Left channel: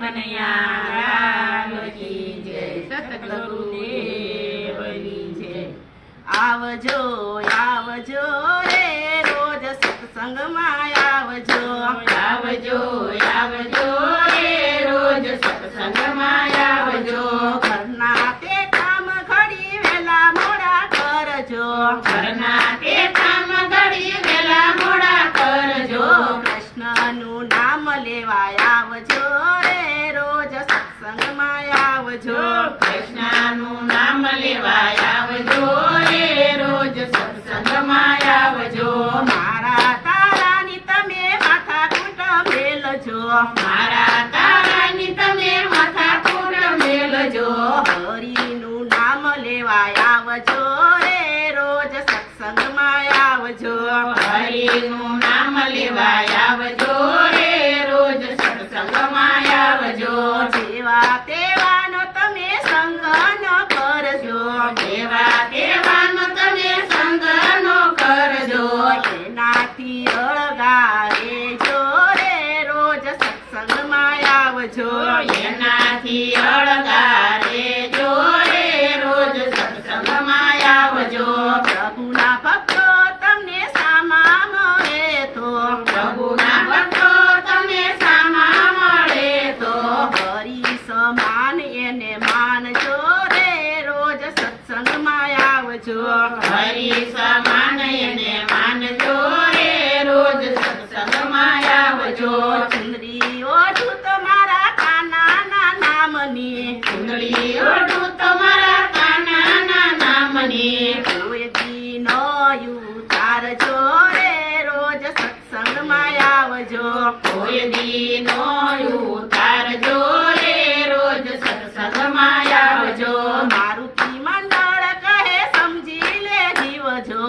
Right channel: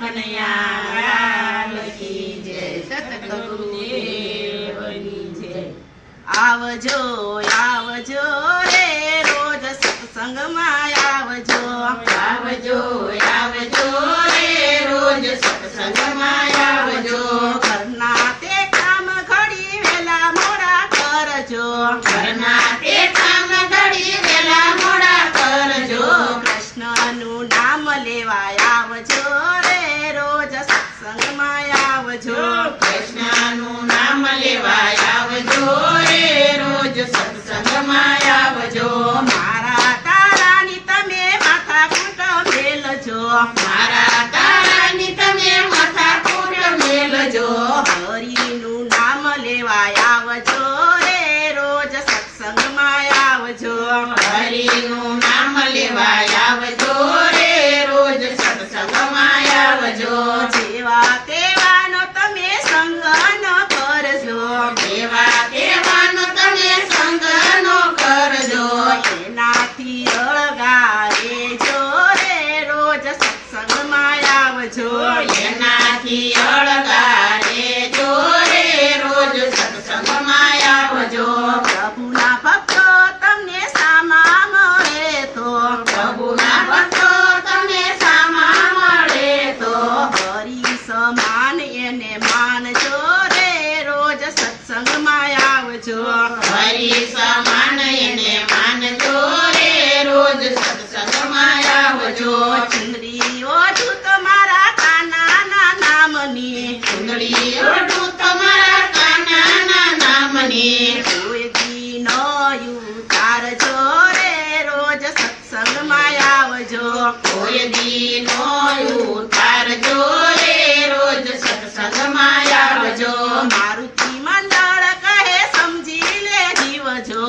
કનૈયા લાલ કી જય, સતગુરુદેવની જય। આવજો આવજો રે રોજ સત્સંગમાં આવજો, આવજો આવજો રે રોજ સત્સંગમાં આવજો। ઘરના તે કામ ઘડી વેલા મોડા કરજો, ઘરના તે કામ ઘડી વેલા મોડા કરજો। કૃષ્ણનું નામ લેવા આવજો રે રોજ સત્સંગમાં આવજો, કૃષ્ણનું નામ લેવા આવજો રે રોજ સત્સંગમાં આવજો। મારા તારાની તમે માથાકૂટ મેલજો, મારા તારાની તમે માથાકૂટ મેલજો। હરિનું નામ લેવા આવજો રે રોજ સત્સંગમાં આવજો, હરિનું નામ લેવા આવજો રે રોજ સત્સંગમાં આવજો। જેવા તેવાનો તમે સંગ ન કરજો, જેવા કહેવાનો તમે સંગ નો કરજો। એનાથી અળગા રેજો રે રોજ સત્સંગમાં આવજો, એનાથી અળગા રેજો રે રોજ સત્સંગમાં આવજો। પ્રભુના ભક્તો તમને સામા મળે તો, પ્રભુના ભક્તો તમને સામા મળે તો, હરિ સમાન એને માનજો રે રોજ સત્સંગમાં આવજો, હરિ સમાન એને માનજો રે રોજ સત્સંગમાં આવજો। ચંદ્રી ઓઢું તમારા કાનાના નામની, કુંડળી ઓઢું તમારા કાનાના નામની, કોઈ દી ન ઉતારજો રે રોજ સત્સંગમાં આવજો, કોઈ દી નો ઉતારજો રે રોજ સત્સંગમાં આવજો। મારુતિ મંડળ કહે સમજી લે જીવજો,